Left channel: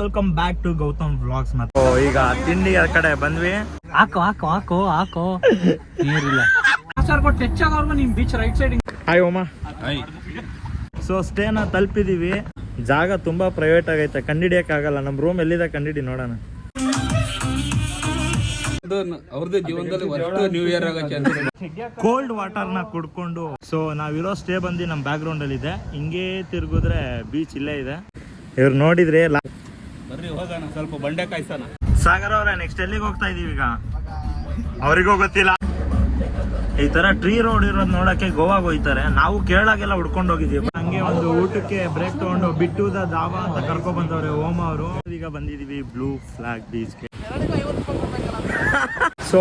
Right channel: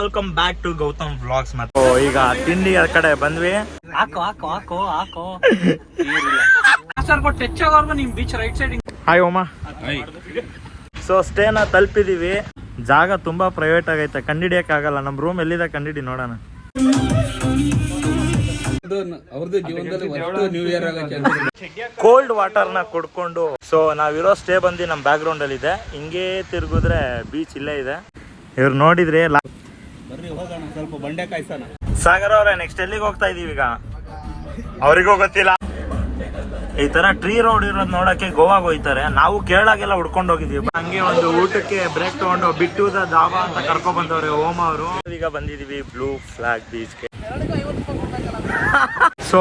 Welcome back to Gautam vlogs. ಮತ್ತು ಈಗ ತಿಂಡಿ ಕಡೆ ಬಂದ್ವಿ. ಹಾಕೋ ನೀರಿಲ್ಲ ನಿಮ್ ಬೀಚ್ ರೈಟ್ ಸೈಡ್. ಹಾಯ್ ಓಮಾ. ಸೊ ಸ್ಟೇನ ತಲುಪಿದೀವಿ. ಜಾಗ ತುಂಬಾ ಪ್ರೈವೇಟ್ ಆಗೈತೆ, ಕಂಡಿಡಿಯಕ್ ಆಗಲ್ಲ. ನಮ್ ರೂಮ್ ಎಲ್ಲಿದೆ ಕಂಡಿಡಿ ನೋಡೋಣ. ಕೋಲ್ಡ್ ವಾಟರ್ ನ ಕುಡ್ಕೊಂಡು ಸೊ ನಾವಿರೋ ಸ್ಟೇ ಬಂದು ನಮ್ ಬ್ಯಾಕ್ ಗ್ರೌಂಡ್ ಅಲ್ಲಿ ಇದೆ. ಹಿಂಗೆ ತಿರುಗಿದ್ರೆ ಬೀಚ್ ಇಲ್ಲೇ ಇದೆ. ಇವ್ರು ನೋಡಿದ್ರೆ ಬರ್ರಿ ಹೋಗೋಣ, ಸ್ವಲ್ಪ ಬಂಡೆ ಕಾಯ್ಸೋಣ. ಸಾಗರ್ ಅವ್ರೆ, ನೆಕ್ಸ್ಟ್ ಎಲ್ಲಿಗೆ ಹೋಗ್ತಾ ಇದೀವಿ ಈಗ? ಅವ್ರಿಗೂ ಗೊತ್ತಿಲ್ಲ. ಈ ತರ ಟ್ರೀ ರೋಡ್ ಇರೋದ್ ನೋಡಕ್ಕೆ ಗೋವಾಗ ಹೋಯ್ತಾರೆ. ನಾವು ಕೇರಳಾಗೆಲ್ಲ ಹುಡ್ಕೊಂಡು ಹೋಗಿದೀವಿ. ಹಂಗೆ ಒಂದು ಊಟಕ್ಕೆ ಬ್ರೇಕ್ ತಗೊಂಡು ಬಿಟ್ಟು ದಾಬಾ ಅಂತ ಕರ್ಕೊಂಡ್ ಬಂದವ್ರೆ ಓಮ ಅವರು. ಈಗ ಬಂದಿದೀವಿ ಬ್ಲೂ ಫ್ಲಾಗ್ ಬೀಚ್ಗೆ. ಸೊ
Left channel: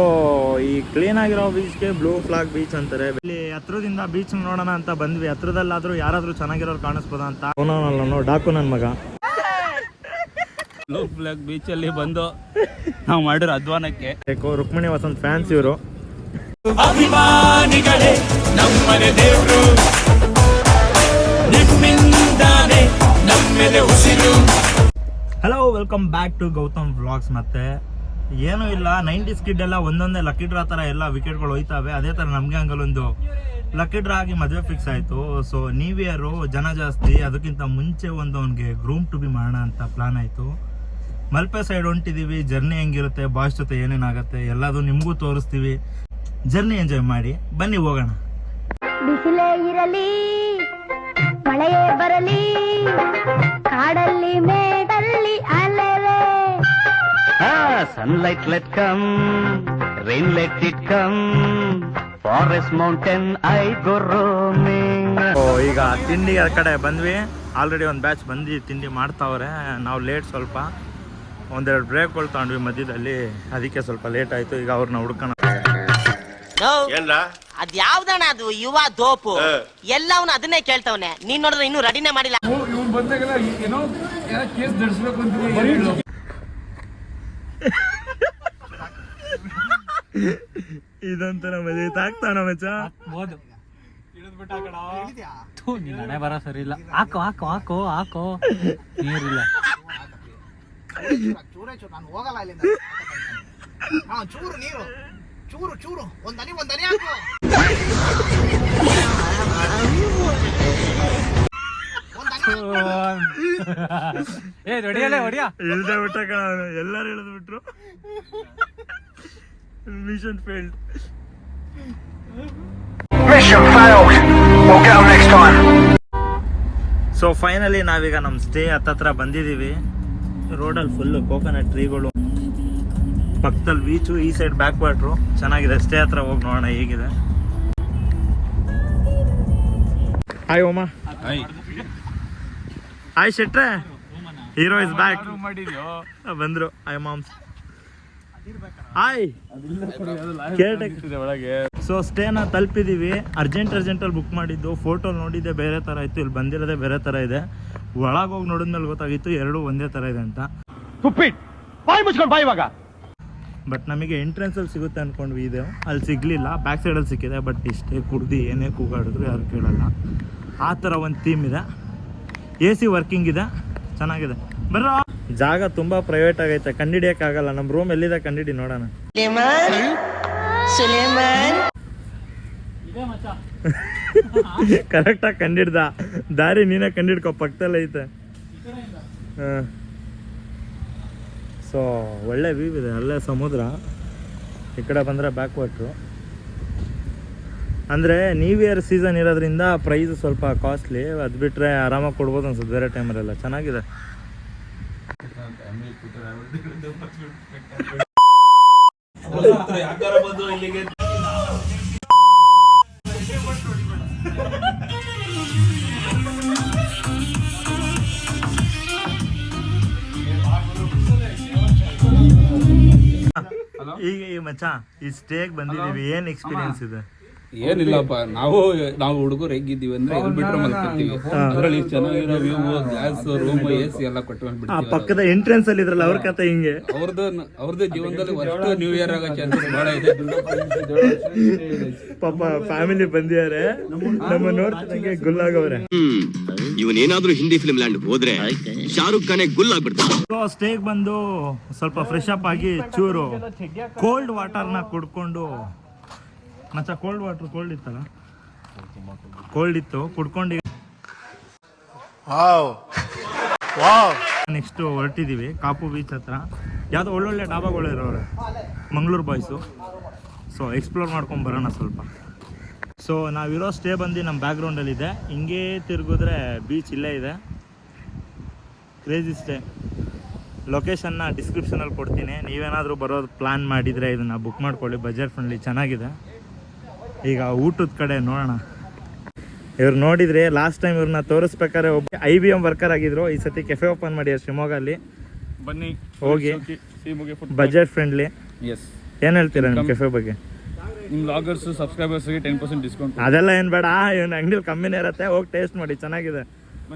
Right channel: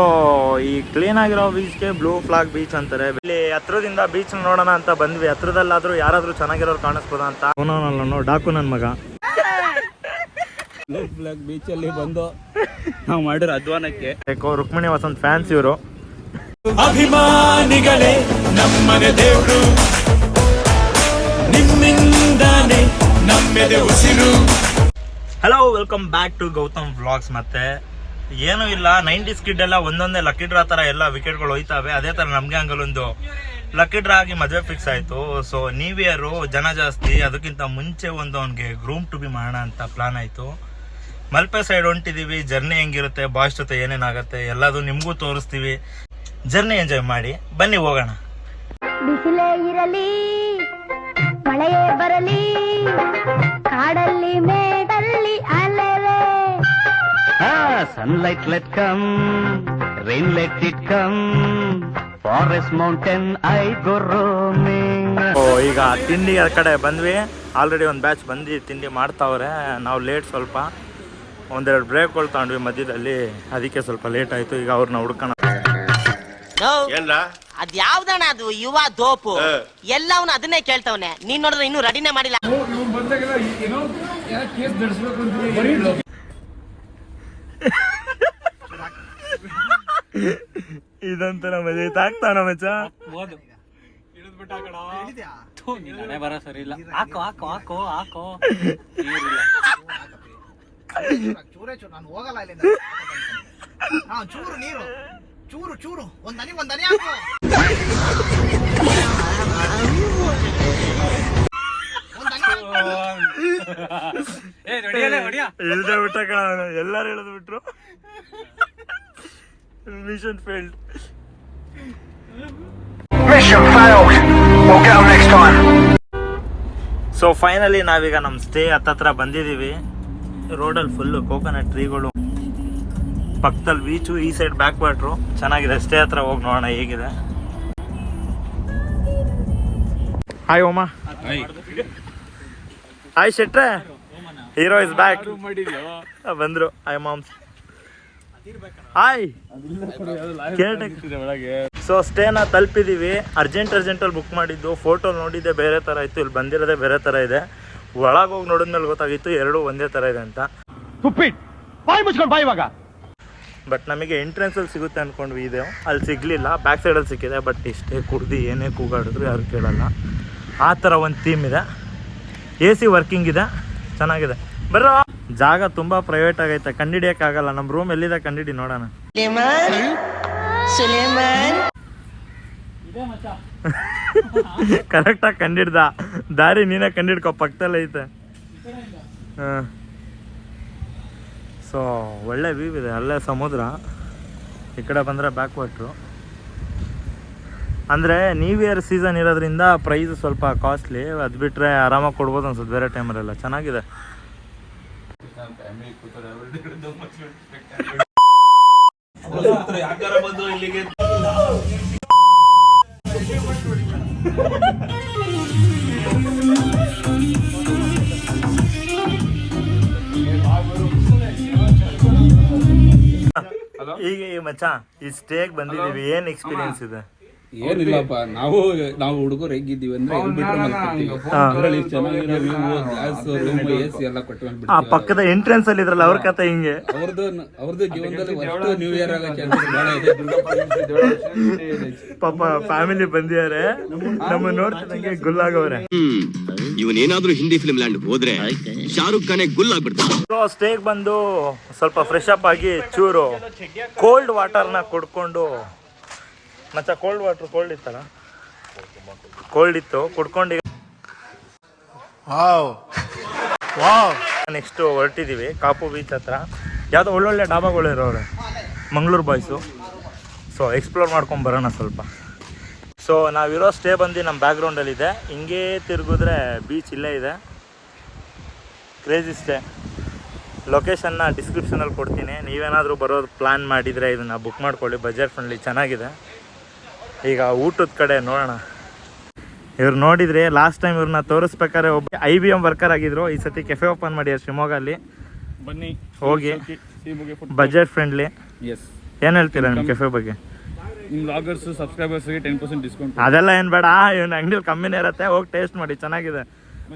ಈ ಕ್ಲೀನ್ ಆಗಿರೋ ಬೀಚ್ಗೆ ಬ್ಲೂ ಫ್ಲಾಗ್ ಬೀಚ್ ಅಂತಾರೆ. ಇಲ್ಲಿ ಹತ್ರದಿಂದ ಬೀಚ್ ನೋಡೋಣ ಅಂತ ಬಂದ್ವಿ. ಹತ್ರದಲ್ಲಾದ್ರೂ ಯಾರಾದ್ರೂ ಚೆನ್ನಾಗಿರೋರು ಕಾಣಿಸ್ಬೋದ ಅಂತ. ಡಾಕು ನನ್ ಮಗ ಬ್ಲೂ ಫ್ಲಾಗ್ ಬೀಚ್ ಅಲ್ಲಿ ಬಂದು ನಾವು ಮಾಡಿರೋ ಅಧ್ವಾನಕ್ಕೆ ರುಕ್ಮಿಣಿ ವಸಂತ್ ಫ್ಯಾನ್ಸ್ ಇವರು. ಅಭಿಮಾನಿಗಳೇ ನಮ್ಮನೆ ದೇವ್ರು, ನಿಮ್ಮಿಂದಾನೆ ನಮ್ಮೆದೆ ಉಸಿರು. Hello, welcome back to Gautam vlogs. ಮತ್ತೆ ಏನೂ ಇಲ್ಲ, 90s ಕಿಡ್ ಎಲ್ಲ ಒಂದೊಂದೇ ಲಕ್ಕಿ ಡ್ರಾ ತರ ಎಲ್ಲ ವಿಕೆಟ್ಗಳು ಹೋಯ್ತಾವೆ. ಅದೇ ತರ ನಮ್ಗೆ ಹಂಗಲ್ಲೊಂದು ಲಕ್ಕಿ ಡ್ರಾ ಆಗಿ ಮದುವೆ ಫಿಕ್ಸ್ ಆಯ್ತು. ಸೊ ನ್ಯೂ ಇಯರ್ ಜನ ಜಾಸ್ತಿ, ಅದಕ್ಕಿಂತ ಮುಂಚೆ ಒಂದು ಅವ್ನಿಗೆ ಗ್ರೂಮ್ ಟು ಬಿ ಮಾಡೋಣ ಅಂತ ಪ್ಲಾನ್ ಆಯ್ತು. ಮಲ್ಪೆ ಸೈಡ್ ಹೊಂಟಿದೀವಿ. ಜರ್ನಿ ಹೆಂಗಿರುತ್ತೆ, ಬಾಯ್ಸ್ ಜೊತೆ ಏನೇನಾಗತ್ತೆ ಎಲ್ಲದು ನಿಮಗೂ ತೋರಿಸ್ತೀವಿ. ಜರ್ನಿ ಎಂಜಾಯ್ ಮಾಡಿ ಬನ್ನಿ, ಹೋಗೋಣ. ಬಿಸಿಲೇ ಇರಲಿ ಮಳೆಯೇ ಬರಲಿ, ಕಾಡಲ್ಲಿ ಮೇಡಲ್ಲಿ ಅಲೆವೆ. Sunlight let come, rain let it come, forest mountain I go roaming. ಈಗ ತಿಂಡಿ ಕಡೆ ಬಂದ್ವಿ. ಆಲ್ರೆಡಿ ಒಂದು ಬ್ಯಾಚ್ ಬಂದು ತಿಂಡಿ ಮಾಡ್ತಾವ್ರೆ. ನಾವು ಲೇಟ್, ಸ್ವಲ್ಪ ಒಂದೆರಡು ಬ್ರೇಕ್ಗಳು ತಗೊಂಡ್ವಿ ಮಧ್ಯದಲ್ಲಿ, ಅದಕ್ಕೆ ಸ್ವಲ್ಪ ಲೇಟ್ ಆಯ್ತು. ಈಗ ಅವ್ರನ್ನ ಹುಡ್ಕೋಣ. ಅದ್ ಯಾವ್ದಣ್ಣ ಅದು ಯುವ ದೋಪು ಎಲ್ಲವನ್ನ ಅದನ್ನೇ ಕೇಳ್ತವನೆ. ನೀನ್ ನೋಡಿದ್ರೆ ಇನ್ನೂ ರೆಡಿನೇ ಮಾಡಿಲ್ಲ. ಇದಂತ ಮಜಾ ಆಗ್ತಾವ ಮಚ್ಚ. ಬರ ಸರಿ ಇಲ್ಲ. ಹಾಕೋ ನೀರಿಲ್ಲ. ನಾನು ಹೋಗಲ್ಲ ಇಲ್ಲಿಂದ. ಚೂರು ನೀರು, ಚೂರು ಒಂದನಿ ಇಳ್ದೆ ಬಿಟ್ಟ ಎಲ್ಲಾರು ಇಳಿದು ಬಿಟ್ರು. Mission failed. ಸೊ ಫೈನಲಿ ನಾವೀಗ ನಮ್ ಸ್ಟೇ ಹತ್ತತ್ರ ಬಂದಿದೀವಿ. ರೋಡಲ್ಲಿ ಫುಲ್ಲು ಕೋಕೋನಟ್ ಟ್ರೀಗಳು, ಪಕ್ಕದಲ್ಲಿ ಬೀಚು, ಈ ಸೈಡ್ ಬ್ಯಾಕ್ ವಾಟ್ರು. ಚೆನ್ನಾಗಿದೆ. ಸ್ಟೇ ಹತ್ರ ಹೋಗಿ ನೋಡೋಣ ಹೇಗಿದೆ. ಹಾಯ್ ಓಮಾ. ಹಾಯ್ ಶೆಟ್ರೆ, ಹೀರೋ ಇಸ್ ಬ್ಯಾಕ್. ಬಂದ್ರು. Hi moms. ಹಾಯ್. ಸೊ ಸ್ಟೇನ ತಲುಪಿದೀವಿ. ಅರ್ಜೆಂಟಲ್ಲಿ ಬುಕ್ ಮಾಡಿದ್ದು. ಫೋಟೋ ನೋಡಿದ್ದೆ ಬೇರೆ ತರ ಇತ್ತು, ಇಲ್ಲಿ ಬಂದಿರೋದೇ ಬೇರೆ ತರ ಇದೆ. ಒಳಗೆ ಹೋಗಿ ನೋಡಿದ್ಮೇಲೆ ಗೊತ್ತಾಗಿತ್ತು ಎರಡೂ ಒಂದೇ ತರ ಇದೆ ಅಂತ. ಬಟ್ ನಮಗೆ ಎಂಟ್ರೆನ್ಸ್ ಅಲ್ಲಿ ಸಿಗುತ್ತೆ ಅನ್ಕೊಂಡ್ವಿ. ಇದೆ ಅಲ್ಲಿ ಸಿಗ್ಲಿಲ್ಲ, ಬ್ಯಾಕ್ ಸೈಡ್ ಅಲ್ಲಿ ಸಿಕ್ಕಿದೆ. ಬಟ್ ಇಷ್ಟೇ ಕುಡ್ದು ಏನೇ ಕೂಗಾಡಿದ್ರು ಯಾರು ಕೇಳಲ್ಲ. ಆ ಥರ ಒಂದು ಥೀಮ್ ಇದೆ. AC ವರ್ಕಿಂಗ್ ಇದೆ, ಚೆನ್ನಾಗಿದೆ. ಬರೋ ಜಾಗ ತುಂಬಾ ಪ್ರೈವೇಟ್ ಆಗೈತೆ, ಕಂಡಿಡಿಯಕ್ ಆಗಲ್ಲ. ನಮ್ಮ ರೂಮ್ ಎಲ್ಲಿದೆ ಕಂಡಿಡಿ ನೋಡೋಣ. ಕರೆಕ್ಟಾಗಿ ಕಂಡಿಡ್ದ. ದಾರಿ ನೀನೇ ಕಂಡಿಡ್ಕೊ, ಪಕ್ಕದಲ್ಲೇ ಐತೆ. ಸೊ ಒಳ್ಳೆ ವ್ಯೂ ಇದೆ, ಅಲ್ಲೇ ಸಮುದ್ರ. ಈ ಕಡೆ ಬಂದರೆ ಬ್ಯಾಕ್ ವಾಟ್ರು. ಅಂದರೆ ನ್ಯೂ ಇಯರ್ ಸೀಸನ್ ಇರೋದ್ರಿಂದ ಪ್ರೈಸ್ ಸ್ವಲ್ಪ ಕಾಸ್ಟ್ಲಿ. ಅದು ಬಿಟ್ಟರೆ ಆರಾಮಾಗಿ ಕೊಡ್ಬೋದು ಅನ್ಸುತ್ತೆ ಬೇರೆ ಟೈಮಲ್ಲೆಲ್ಲ. ಚೆನ್ನಾಗಿದೆ. ಈಗ ಮಚ್ಚ ಈ ಸ್ಟೇಗ್ ಬಂದಿದ್ದೀವಿ, ಏನ್ ಎಕ್ಸ್ಪೀರಿಯನ್ಸ್ ಇದೆ? ಏನಿಲ್ಲಪ್ಪ, ನಾವು ಹುಡುಗರು ಹೆಂಗಿದ್ದೀವಿ ಅಂದ್ರೆ ಎಲ್ಲಿ ಬಿಟ್ರೆ ಮಲ್ಕೊತೀವಿ. ಅದ್ರಲ್ಲಿ ಚೆನ್ನಾಗಿರೋ ವ್ಯೂ, ಗ್ಲಾಸ್ ರೂಮ್, AC ಎಲ್ಲ ಕೊಟ್ಟು ಪಕ್ಕದ ಎಂಟ್ರೆನ್ಸ್ ಅಲ್ಲಿ ಇದ್ರಲ್ಲ ಅವ್ರ ಕತೆ ಹಿಂಗೆ. ಅವ್ರದ್ದು ಜೀವನದಲ್ಲಿ ಫಸ್ಟ್ ನ್ಯೂ ಇಯರ್ ಆಗೋ ಚಾನ್ಸಸ್ ಬಹಳ ಇದೆ. ಪಾಪ ಫ್ಯಾಮಿಲಿ ಬಂದಿದ್ದಾರೆ, ನಮ್ಮ ನೋಡ್ತಿದಂಗೆ ಗುಲ್ಲಾಗವ್ರೆ. ಇವನೇನಾದ್ರೂ ಹಿಂದಿ ಫಿಲ್ಮ್ ಲ್ಯಾಂಡ್ ಹೋದ್ರೆ ಶಾರುಖ್ ಖಾನೆ ಗುಲ್ ಆಗ್ಬಿಡ್ತಾರೆ. ಸ್ಟೇಗ್ ಬಂದು ಸ್ವಲ್ಪ ಫ್ರೆಶ್ ಅಪ್ ಆಗಿ ಚೂರು ಕೋಲ್ಡ್ ವಾಟರ್ನ ಕುಡ್ಕೊಂಡು ಮಚ್ಚ ಕೋಲ್ಡ್ ಇತ್ತಲ್ಲ, ಕೋಲ್ಡ್ ಇತ್ತು ಕುಡ್ಕೊಂಡು ನೆಕ್ಸ್ಟ್ ಹೊರಟಿದ್ದೀವಿ ಕಾಪು ಬೀಚ್ ಹತ್ರ. ಯಾವುದೋ ಒಳ್ಳೊಳ್ಳೆ ಡಾಬಾಗಳು ಇರೋರು ಮಂಗಳೂರು ಬಾಯ್ಸು. ಸೊ ಎಕ್ಸ್ಪ್ಲೋರ್ ಮಾಡ್ಕೊಂಡು ಬರೋಣ ಸ್ವಲ್ಪ. ಸೊ ನಾವಿರೋ ಸ್ಟೇ ಬಂದು ನಮ್ಮ ಬ್ಯಾಕ್ಗ್ರೌಂಡಲ್ಲಿದೆ. ಹಿಂಗೇ ತಿರುಗಿದ್ರೆ ಬೀಚ್ ಇಲ್ಲೇ ಇದೆ. Crazy stay. ಲೊಕೇಶನ್ನ ಡಿಸ್ಕ್ರಿಪ್ಷನಲ್ಲಿ ಕೊಡ್ತೀನಿ. ನೀವೇನಾದರೂ ಬರೋದು ಪ್ಲ್ಯಾನ್ ಮಾಡಿದರೆ ಇದನ್ನು ಬುಕ್ ಮಾಡ್ಕೊಳ್ಳಿ. ಬಜೆಟ್ ಫ್ರೆಂಡ್ಲಿ ಚೆನ್ನಾಗಿದೆ. ಈಗ ಊಟದ ಕಡೆ ನೋಡೋಣ. ಇವ್ರು ನೋಡಿದರೆ ಲಾಸ್ಟ್ ಟೈಮ್ ಇವ್ರನ್ನ ತೋರಿಸ್ಬೇಕಾದ್ರೆ ಒಬ್ಬ IBM ವರ್ಕರ್ ಆಗಿದ್ರು. ಈ ಸತಿ ಕೆಫೆ ಓಪನ್ ಮಾಡಿದ್ರು ಶಿವಮೊಗ್ಗಲ್ಲಿ. ಬನ್ನಿ ಹೋಗಿ ಬಜೆಟ್ ಫ್ರೆಂಡ್ಲಿ. ಎಸ್, ಏನು ಹೇಳ್ತೀರಾ ನಿಮ್ಮ ಕೆಫೆ ಬಗ್ಗೆ? ನಿಮ್ಮ ಲಾಗರ್ಸ್ ಸಬ್ಸ್ಕ್ರೈಬರ್ಸ್ಗೆ 10% ಡಿಸ್ಕೌಂಟ್. ಅದೆಲ್ಲ ಏನು ಬೇಡ, ಇವನ್ ಅಂಗಡಿಯಲ್ಲಿ ಕಮ್ಮಿನೇ ಇರುತ್ತೆ. ಹೋಗಿ ಟೇಸ್ಟ್ ಮಾಡಿ, ಚೆನ್ನಾಗಿದೆ.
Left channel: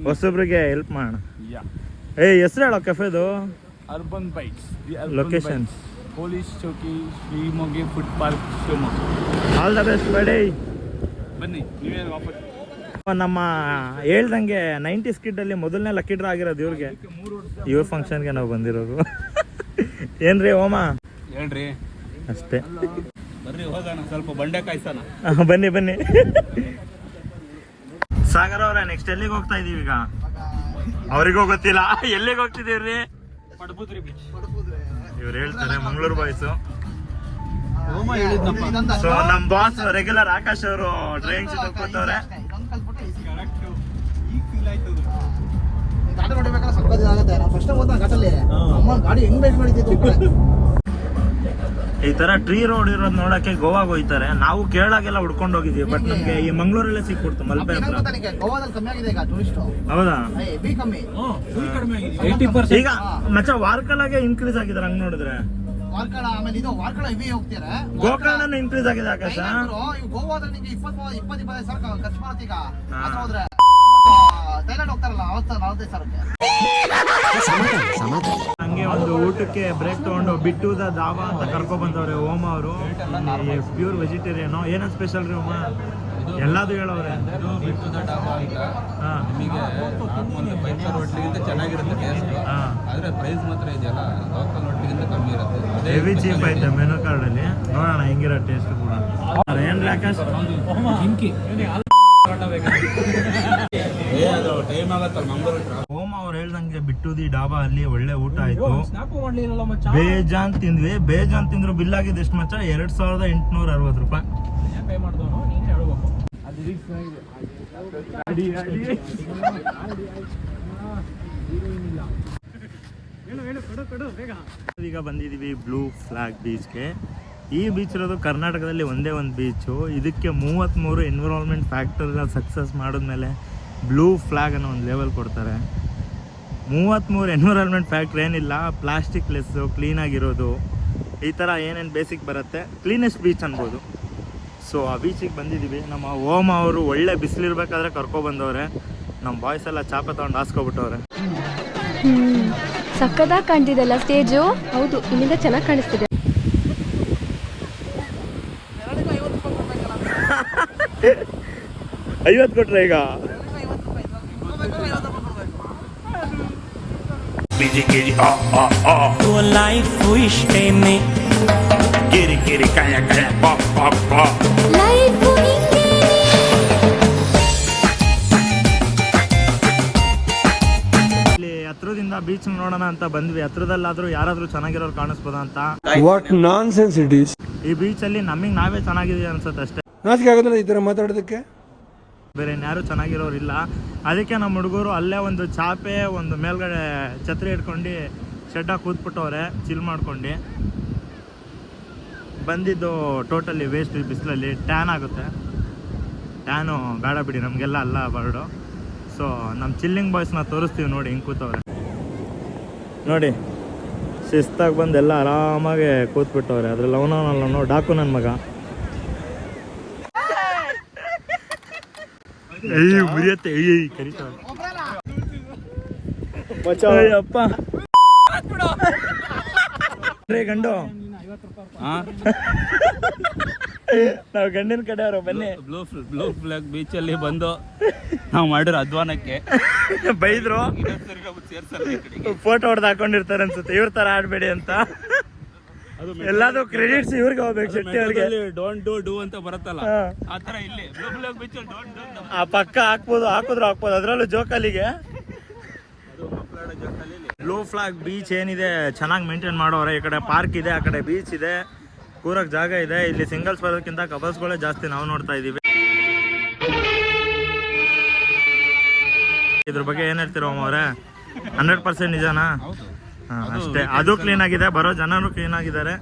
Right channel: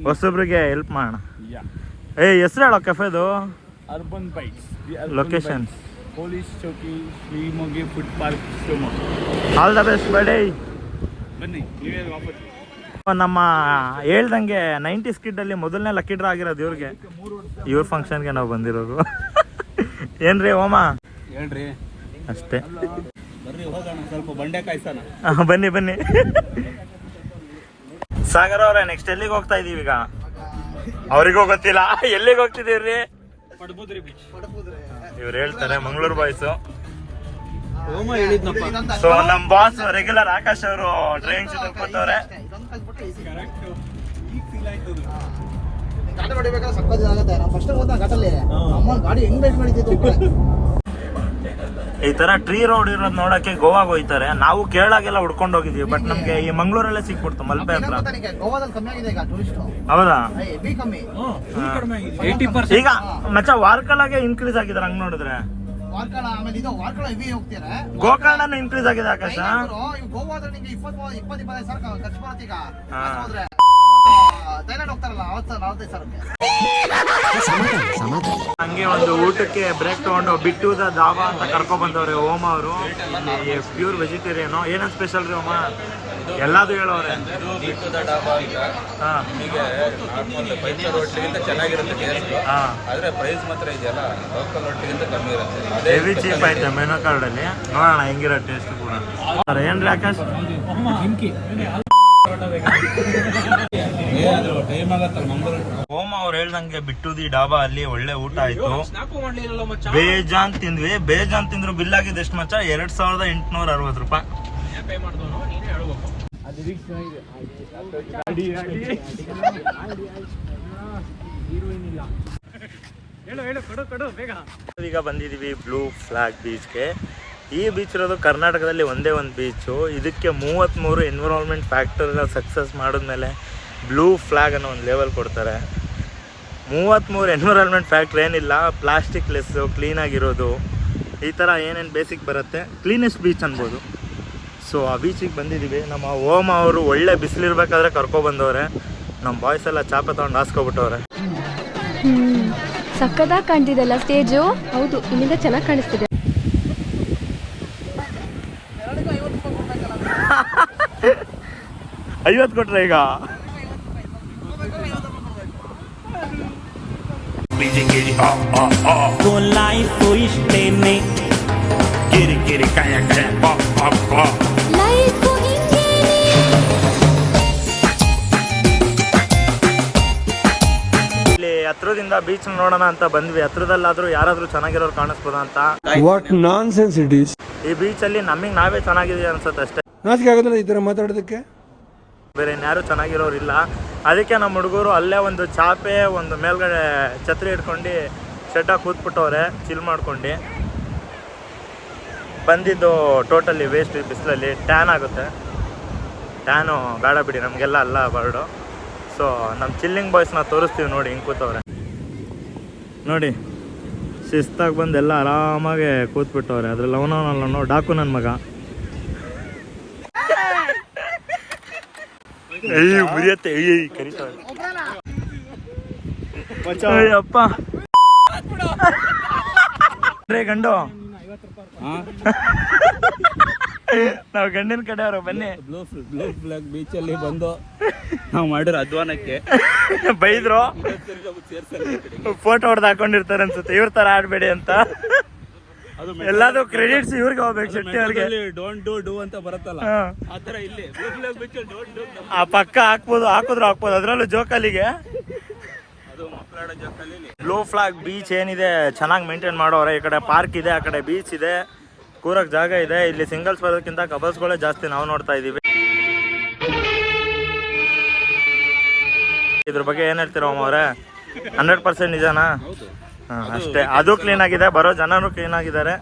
ಹೊಸೊಬ್ರಿಗೆ ಹೆಲ್ಪ್ ಮಾಡೋಣ. ಹೆಸರು ಹೇಳೋ ಕೆಫೆದು? Urban bites. Location police chowki, ಶ್ರೀಮೊಗ್ಗ food park, Shivamogga. All the best ಬೇಡಿ. ಬನ್ನಿ, ನೀವೇ ವಾಪಸ್. ನಮ್ಮ ಹೇಳ್ದಂಗೆ 90s ಕಿಡ್ಡಲ್ಲಿ ಮೊದಲನೇ ಲಕ್ಕಿ ಡ್ರಾ ಆಗಿರೋದು ಇವ್ರಿಗೆ. ಇವ್ರ ಫಂಕ್ಷನ್ಗೆ ನಾವು ಬಂದಿರೋದು. ಏನ್ರಿ ಓಮ? ಹೇಳ್ರಿ. ಅಷ್ಟೇ, ಬರ್ರಿ ಹೋಗೋಣ, ಸ್ವಲ್ಪ ಬಂಡೆ ಕಾಯ್ಸೋಣ. ಬನ್ನಿ ಬನ್ನಿ. ಸಾಗರ್ ಅವ್ರೆ, ನೆಕ್ಸ್ಟ್ ಎಲ್ಲಿಗೆ ಹೋಗ್ತಾ ಇದೀವಿ ಈಗ? ಅವ್ರಿಗೂ ಗೊತ್ತಿಲ್ಲ ಎಲ್ಲಿಗೆ ಹೋಗ್ತಿದೀವ್ರಿ. ಪಡುಬುದ್ರಿ ಬೀಚ್. ಇವ್ರು ಹೇಳ್ತಾರೆ ಮಂಗಳೂರು ಬಾಯ್ಸು. ಓಮ ಹೇಳಿದ್ನಪ್ಪ. ಸೊ ನಮ್ಮ ಬಾಸ್ ರೆಗ್ಯುಲರ್ ಆಕಾಶ್ ಅವರು ಡ್ರೈವಿಂಗ್ ಸೀಟ್ ಕೊಟ್ಟವ್ರೆ. ಗಾಡಿ ಹೊಡಿಬೇಕಾದ್ರೆ ಸಕ್ಕತ್ ಆಗುತ್ತೆ. ನಾವು ಫಸ್ಟ್ ಹೋದ ಘಾಟಲ್ಲಿ ಅಮ್ಮ ಗಾಡಿ ಹೆಂಗ್ ಬೇಟ್ ಮಾಡಿದ್ದು. ಈ ತರ ಟ್ರೀ ರೋಡ್ ಇರೋದು ನೋಡಕ್ಕೆ ಗೋವಾಗ ಹೋಯ್ತಾರೆ. ನಾವು ಕೇರಳಾಗೆಲ್ಲ ಹುಡ್ಕೊಂಡು ಹೋಗಿದೀವಿ, ಬಟ್ ನಮ್ಗೆ ಈ ಮಂಗಳೂರಲ್ಲೇ ಸಿಕ್ಬಿಡ್ತು ಮಲ್ಪೆ ಹತ್ರ. ಗೋವಾದಲ್ಲಿ ಕಮ್ಮಿ ಆಗಿದೆ ಈಗ ಟೂರಿಸ್ಟ್. ಹೌದಾ? ಬಿ ಕಮ್ಮಿ. 80%. ಈಗ ಮಚ್ಚ ವಾರ್ಕಲಾಗೆ ಇನ್ಕ್ರೀಸ್ ಆಗಿದ್ದಾರೆ ಹಂಗ್ ನೋಡಿದ್ರೆ. ವಾರ್ಕಳ, ಆಮೇಲೆ ಇದು ವಾರ್ಕಳ ಇವಿ ಹೋಗ್ತೀರಾ. ಗೋಕರ್ಣನು ಇನ್ಕ್ರೀಸ್ ಆಗಿದೆ ಆಕಾಶ. ಗೋವಾದಲ್ಲಿ ನಿಮಗೆ 20-25 ಸಾವಿರ ಖರ್ಚು ಬರುತ್ತೆ ಈಗ. ಥೈಲ್ಯಾಂಡ್ ಹೋಗ್ತಾರಲ್ಲ 45 ಸಾವಿರ. ಹಂಗೆ ಒಂದು ಊಟಕ್ಕೆ ಬ್ರೇಕ್ ತಗೊಂಡು ಬಿಟ್ಟುದ ಧಾಬಾ ಅಂತ ಕರ್ಕೊ ಬಂದವ್ರೆ ಓಮ ಅವರು. Pure vegetarian. ಏನೇನು ಸ್ಪೆಷಲ್ ರೀ ಓಮ? ಎಲ್ಲಾದು ಹೇಳೋರೆ. ಇದು ಬಿಟ್ಟುದ ಡಾಬಾ ಅಂತ. ನಿಮಗೆ ನಾರ್ಮಲ್ 5 ಸ್ಟಾರ್ ಹೋಟ್ಲಿಗಿಂತ ಚೆನ್ನಾಗಿರುತ್ತೆ ಟೇಸ್ಟ್. ಆದರೆ ಪ್ರೈಸ್ ಮಾತ್ರ ಇದೆಯಲ್ಲ ಲೋಕಲ್ ಹೋಟ್ಲಿಗಿಂತ ಕಮ್ಮಿ ಇರುತ್ತೆ. ಅದೇ ಹೆವಿ ಚೀಪ್ ಐತೆ ಮೆನು ಕಾರ್ಡಲ್ಲಿ. ನೋಡೋಣ ಹೆಂಗಿರೋ ಟೇಸ್ಟ್ ಕೂಡ. ಏನ್ರಿ ಆಕಾಶ್? ಟೈಮ್ ಆಗತ್ತಲ್ಲ ಮಂಗಳೂರು. ಓಮ ಅವ್ರು ಹೇಳ್ದಂಗೆ ಬಿಟ್ಟುದಿ ಡಾಬಾ ಅಲ್ಲಿ ಒಳ್ಳೆ ಊಟ ಆಯ್ತು. ಬೇಜಾನ್ ತಿಂದ್ವಿ. ಬೇಜಾನ್ ತಿಂದ್ರು ಬಿಲ್ ಆಗಿದೆ ಎಷ್ಟು ಮಚ್ಚ? 2860 ರೂಪಾಯಿ. ಈಗ ಬಂದಿದೀವಿ ಬ್ಲೂ ಫ್ಲಾಗ್ ಬೀಚ್ಗೆ. ಈ ಬೀಚ್ ಇರೋದು ಕರ್ನಾಟಕದಲ್ಲಿ ಒಂದೇ ಒಂದು ಬೀಚು. ಇದಕ್ಕೆ 33 ಎನ್ವಿರಾನ್ಮೆಂಟ್ ಫ್ಯಾಕ್ಟರ್ನ ಸಕ್ಸಸ್ ಮಾಡಿದ್ಮೇಲೆ ಬ್ಲೂ ಫ್ಲಾಗ್ ಅನ್ನೋ ಒಂದು ಲೆವೆಲ್ ಕೊಡ್ತಾರೆ. 33 ಎನ್ವಿರಾನ್ಮೆಂಟ್ ಫ್ಯಾಕ್ಟ್ರಿ ಏನಿಲ್ಲ, ಪ್ಲಾಸ್ಟಿಕ್ ಲೆಸ್ಸು, ಕ್ಲೀನಾಗಿರೋದು, ಈ ಥರ ಏನೇನು ಬೇಸಿಕ್ ಬರುತ್ತೆ, ಕ್ಲೀನೆಸ್ಟ್ ಬೀಚ್ ಅನ್ಬೋದು. ಸೊ ಆ ಬೀಚಿಗೆ ಬಂದಿದ್ದೀವಿ. ನಮ್ಮ ಓಮ ಅವರು ಒಳ್ಳೆ ಬಿಸಿಲಿರ್ಬೇಕಾದ್ರೆ ಕರ್ಕೊಬಂದವ್ರೆ. ನಮ್ಮ ಬಾಯ್ಸ್ ಎಲ್ಲ ಚಾಪೆ ತೊಗೊಂಡು ಹಾಸ್ಕೊಬಿಟ್ಟವ್ರೆ. ಸಕ್ಕದಾಗಿ ಕಾಣ್ತಿದೆಲ್ಲ ಸ್ಟೇಜು. ಹೌದು, ಇಲ್ಲಿಂದ ಚೆನ್ನಾಗಿ ಕಾಣಿಸ್ತಿದೆ. 50 ಕೊಟ್ರೆ ಈಗ ಲೈಫ್ ಇಷ್ಟೇನೆ ಗಿರಿ ಗಿರಿ ಕಾಯ ಕಾಯ ಪಾಪ್ ಪಾಪ್ ಪಾಪ್. ಇಲ್ಲಿ ಹತ್ರದಿಂದ ಬೀಚ್ ನೋಡೋಣ ಅಂತ ಬಂದ್ವಿ. ಹತ್ರದಲ್ಲಾದ್ರೂ ಯಾರಾದ್ರೂ ಚೆನ್ನಾಗಿರೋರು ಕಾಣಿಸ್ಬೋದ ಅಂತ. What nonsense it is. ಈ ಬೀಚಲ್ಲಿ ನಮಗೆ ನಾವೇ ಚೆನ್ನಾಗಿದೀವಿ ಅನ್ಸುತ್ತೆ ಅಷ್ಟೇ. ನಾಚಿಕೆ ಆಗೋದಿಲ್ಲ ಈ ಥರ ಮಾತಾಡೋದಕ್ಕೆ? ಬೇರೆ ಇನ್ಯಾರು ಚೆನ್ನಾಗಿರೋರು ಇಲ್ಲ. ಅದಕ್ಕೆ ನಮ್ಮ ಹುಡುಗರು ಅಲ್ಲೇ ಒಂದು ಚಾಪೆ, ಒಂದು ಮೇಲ್ಗಡೆ ಛತ್ರಿ ಹಿಡ್ಕೊಂಡು ಶೆಡ್ಡಾಗಿ ಕೂತ್ಬಿಟ್ಟವ್ರೆ ಚಿಲ್ ಮಾಡ್ಕೊಂಡು. ಬಂದಿದ್ದು ಟೋಟಲಿ ವೇಸ್ಟ್. ಈ ಬಿಸಿಲಲ್ಲಿ ಟ್ಯಾನ್ ಆಗುತ್ತೆ. ಟ್ಯಾನು ಬೇಡ ಬಿಡಿ, ನಮಗೆಲ್ಲ ಅಲ್ಲ ಬರ್ಡು. ಸೊ ನಮ್ಮ ಚಿಲ್ಲಿಂಗ್ ಬಾಯ್ಸ್ನ ತೋರಿಸ್ತೀವಿ ನೋಡಿ ಹಿಂಗೆ ಕೂತವ್ರೆ ನೋಡಿ. ಶಿಸ್ತಾಗಿ ಬಂದು ಎಲ್ಲ ಆರಾಮಾಗಿ ಕೂತ್ಬಿಟ್ಟವ್ರೆ. ಅದ್ರಲ್ಲಿ ಅವನವನಲ್ಲ ಡಾಕು ನನ್ನ ಮಗ. ಮುರಿಯತ್ತೆ ಕರೀತಾವೆ ಅಪ್ಪ. ಗಂಡು ನಾವು ಗಂಡಿನ ಕಡೆಯವರು ಬನ್ನಿ. ಬ್ಲೂ ಫ್ಲಾಗ್ ಬೀಚಲ್ಲಿ ಬಂದು ನಾವು ಮಾಡಿರೋ ಅಧ್ವಾನಕ್ಕೆ ಬೈದ್ರು ಸೇರ್ಸಲ್ಲ ಈ ಕಡೆಗೆ. ಫೋಟೋ ಹೊಡೆದು ಹಾಕೊಂಡಿರ್ತಾರೆ ಅನ್ಸುತ್ತೆ ಇವ್ರ ತರ ಆಡ್ಬೇಡಿ ಅಂತ. ಎಲ್ಲಾದ್ರು ಕ್ರೆಡಿಟ್ಸ್ ಇವ್ರಿಗೆ ಹೋಗ್ಬೇಕು, ಶೆಟ್ಟಿ ಅವ್ರಿಗೆ. ಡೋಂಟ್ ಡೂ ಅಂತ ಬರುತ್ತಲ್ಲ ಆ ತರ ಇಲ್ಲಿ ಆ ಪಕ್ಕ ಹಾಕ್ಬೋದು, ಹಾಕಿದ್ರು ಅದ್ರಲ್ಲೂ ಜೋಕಾಲಿಗೆ. ಬ್ಲೂ ಫ್ಲಾಗ್ ಬೀಚ್ ಏನಿದೆ ಚೆನ್ನಾಗಿ ಮೇಂಟೈನ್ ಮಾಡೋರೆ. ಈ ಕಡೆ ಪಾರ್ಕ್ ಇದೆ, ಆ ಕಡೆ ಬೀಚ್ ಇದೆ, ಕೂರಕ್ ಜಾಗ ಇದೆ. ಇಲ್ಲಿ ಸಿಂಗಲ್ಸ್ ಬರೋದಕ್ಕಿಂತ ಕಪಲ್ಸ್ಗಳೇ ಜಾಸ್ತಿ ನಾವು ನೋಡ್ತಾ ಇದೀವಿ. ಇದ್ರ ಬಗ್ಗೆ ಏನ್ ಹೇಳ್ತೀರ ಅವರೇ? 100% ನಿಜನಾ? ಅಷ್ಟೇ, ಅದು ಕ್ಲೀನ್ ಆಗಿದೆ, ಬರೋ ಜನರು ಕ್ಲೀನ್ ಆಗಿದ್ದಾರೆ.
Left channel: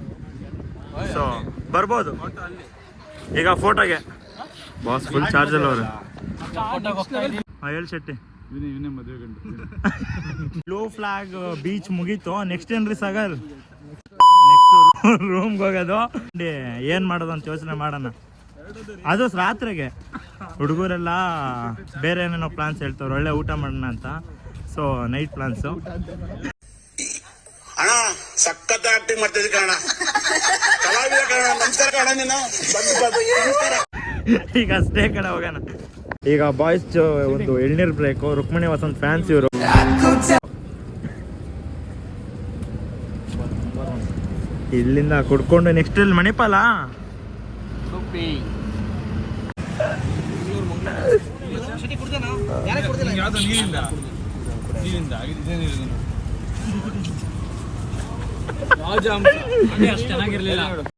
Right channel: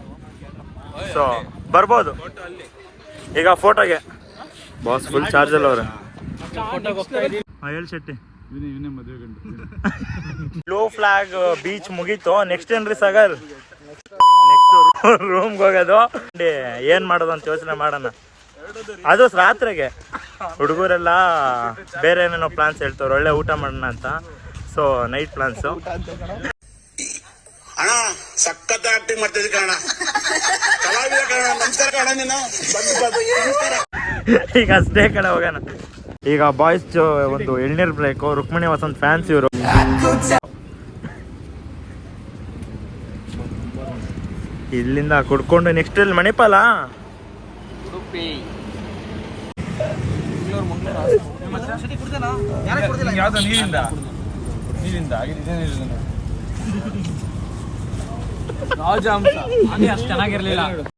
ಸೊ ಬರ್ಬೋದು. ಈಗ ಫೋಟೋಗೆ ಬಾಸ್ ಫುಲ್ ಚಾರ್ಜ್ ಅಲ್ಲ ಅವ್ರೆ. ಹೇಳಿ ಶೆಟ್ಟಿ. ಬ್ಲೂ ಫ್ಲಾಗ್ ಬೀಚ್ ಮುಗೀತು. ನೆಕ್ಸ್ಟ್ ಏನ್ರಿ ಸಾಗರ್? ನೆಕ್ಸ್ಟ್ ರೂಮ್ಗೆ ಹೋಗೋದು. ಏನ್ ಮಾಡೋದು ಅಂತ ಯೋಚನೆ ಮಾಡೋಣ. ಅದು ರಾತ್ರಿಗೆ ಹುಡುಗರೆಲ್ಲ ಬೇರೆ ಏನೇನೋ ಪ್ಲಾನ್ಸ್ ಹೇಳ್ತವ್ರು, ಒಳ್ಳೆ ಊಟ ಮಾಡೋಣ ಅಂತ. So night plans. ಅಣ್ಣ ಸಖತ್ ಆಕ್ಟಿಂಗ್ ಮಾಡ್ತಿದ್ದೆ ಕಣ, ಕಲಾವಿದ ಕಣ, ನಮಸ್ಕಾರ ಕಣ ನೀನು. ಈಗ ಅಷ್ಟೇ ಕಡೆ ಹೋಗೋಣ. ಈಗ ಬಾಯ್ಸ್ ಒಂದು ಎಳ್ನೀರ್ ಬ್ರೇಕು. ರುಕ್ಮಿಣಿ ವಸಂತ್ ಫ್ಯಾನ್ಸ್ ಇವರು. ಇಲ್ಲಿಂದ ಕುಡ್ಕೊಂಡು ನೆಕ್ಸ್ಟ್ ಇಲ್ಲಿ ಮಣಿಪಾಲ. ಯಾವ್ದೋ ನೀರಿಂದ ರಾಜ ಅಂತ ಅದೇ ಅಷ್ಟು ಚೆನ್ನಾಗಿರ್ಲಿಲ್ಲ.